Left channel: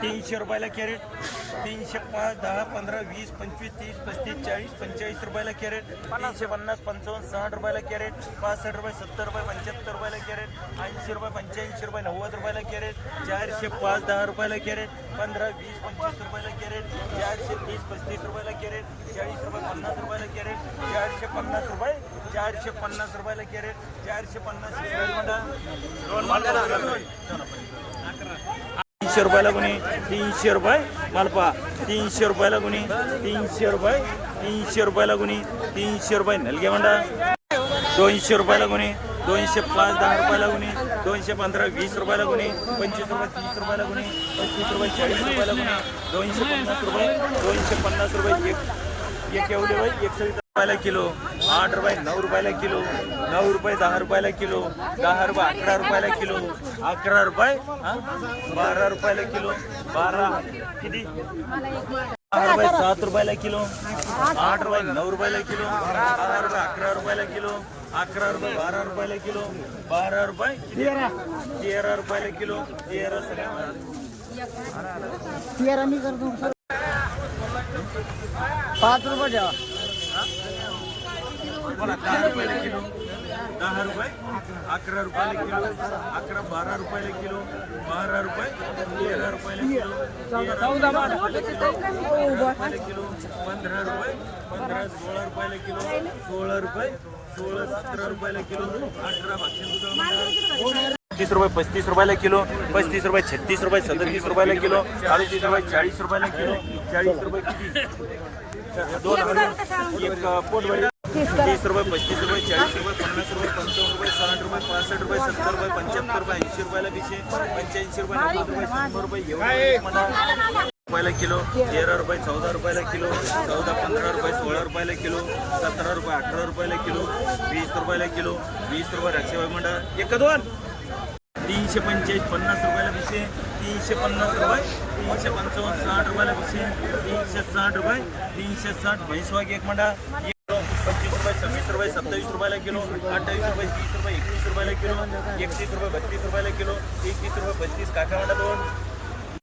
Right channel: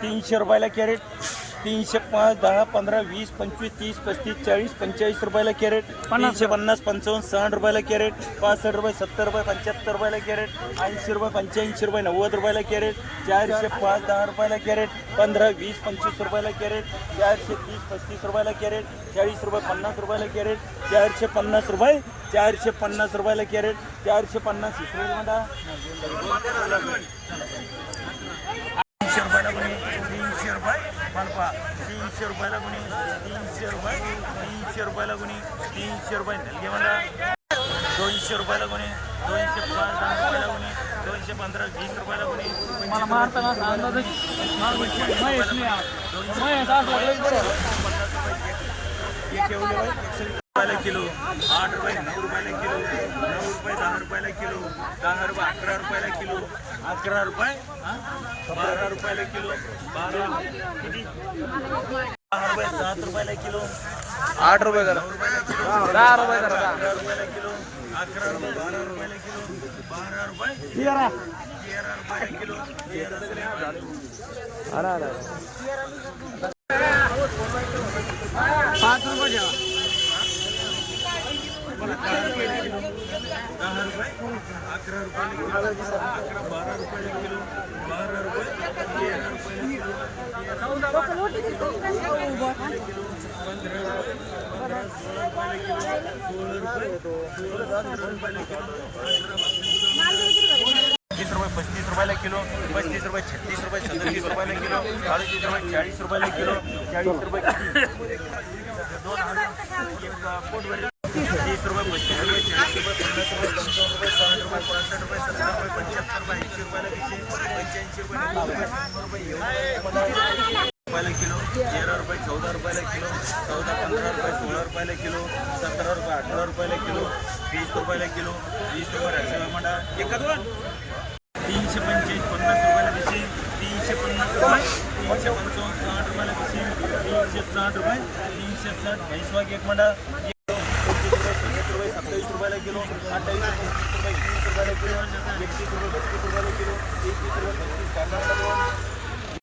तीनशे रुपयाला कॅरेट तीनशे पाच दहा पंधरा वीस पंचवीस तीस पस्तीस चाळीस पंचेचाळीस रुपयाला कॅरेट तीनशे पन्नास पंचावन्न साठ रुपयाला कॅरेट पासष्ट रुपये सत्तर रुपये पंच्याहत्तर रुपयाला कॅरेट ऐंशी रुपये पंच्याऐंशी रुपये नव्वद रुपयाला कॅरेट चारशे पाच दहा रुपयाला कॅरेट पंधरा वीस पंचवीस रुपयाला कॅरेट चारशे तीस पस्तीस रुपयाला कॅरेट चाळीस रुपये पन्नास रुपयाला कॅरेट चारशे पन्नास रुपये चारशे पन्नास रुपयाला कॅरेट चारशे पन्नास तीनशे रुपयाला गुणी तीनशे रुपये मालपा तीनशे रुपयाला गुणी तीनशे रुपये तीनशे रुपयाला गुणी तीनशे रुपये. नलगे मंडा दोनशे रुपयाला गुणी दोनशे पाच दहा रुपयाला गुणी दोनशे पंधरा वीस रुपयाला गुणी पंचवीस रुपये तीस रुपयाला गुणी पंचवीस रुपये रुपयाला दोनशे दोनशे पन्नास रुपये एक एक एवढे बाई एकशे रुपयाला किलो आठ रुपये नऊ रुपयाला किलो नऊ रुपये दहा रुपयाला किलो दहा रुपये अकरा रुपयाला किलो अकरा रुपये बारा रुपयाला किलो बारा किती दहा रुपये सात रुपयाला किलो आठ रुपये नऊ रुपयाला किलो दहा रुपये अकरा रुपयाला किलो अकरा रुपये बारा रुपयाला किलो बारा रुपये तेरा तेरा रुपयाला किलो तेरा पाच रुपये द्या दहा रुपये रुपयाला किलो अकरा बारा रुपयाला किलो रुपये रुपयाला किलो रुपये रुपयाला किलो रुपये रुपयाला किलो तीस रुपये पस्तीस रुपयाला किलो पस्तीस रुपये छत्तीस रुपये सदतीस रुपयाला किलो, चाळीस रुपये चाळीस रुपयाला किलो चाळीस रुपये दोन हज़ार पोटभरी तीस रुपये पस्तीस रुपये चाळीस रुपये पन्नास रुपये पंचावन्न रुपये साठ रुपये पासष्ट रुपये सत्तर रुपये पंच्याहत्तर रुपये ऐंशी रुपयाला किती? पंच्याऐंशी रुपये नव्वद रुपये शंभर रुपये एवढे रुपयाला किलो तेरा रुपये चौदा रुपयाला किलो चौदा पंधरा रुपये सोळा रुपयाला किलो सतरा रुपये अठरा रुपयाला किलो वीस रुपयाला किलो वीस रुपये रक्षे म्हणा एक दोन? तीनशे पंचेचाळीस पन्नास रुपयाला भिसे तीनशे पन्नास रुपये तीनशे पंचावन्न साठ रुपयाला भिसे तीनशे साठ रुपये तीनशे साठ भैसवाग एक म्हणा पंचवीस रुपये सव्वीस रुपये सत्तावीस रुपयाला किलो अठ्ठावीस रुपये तीस रुपये एकवीस रुपयाला किलो एकतीस रुपये बत्तीस रुपयाला किलो एकतीस रुपये पस्तीस काका दोन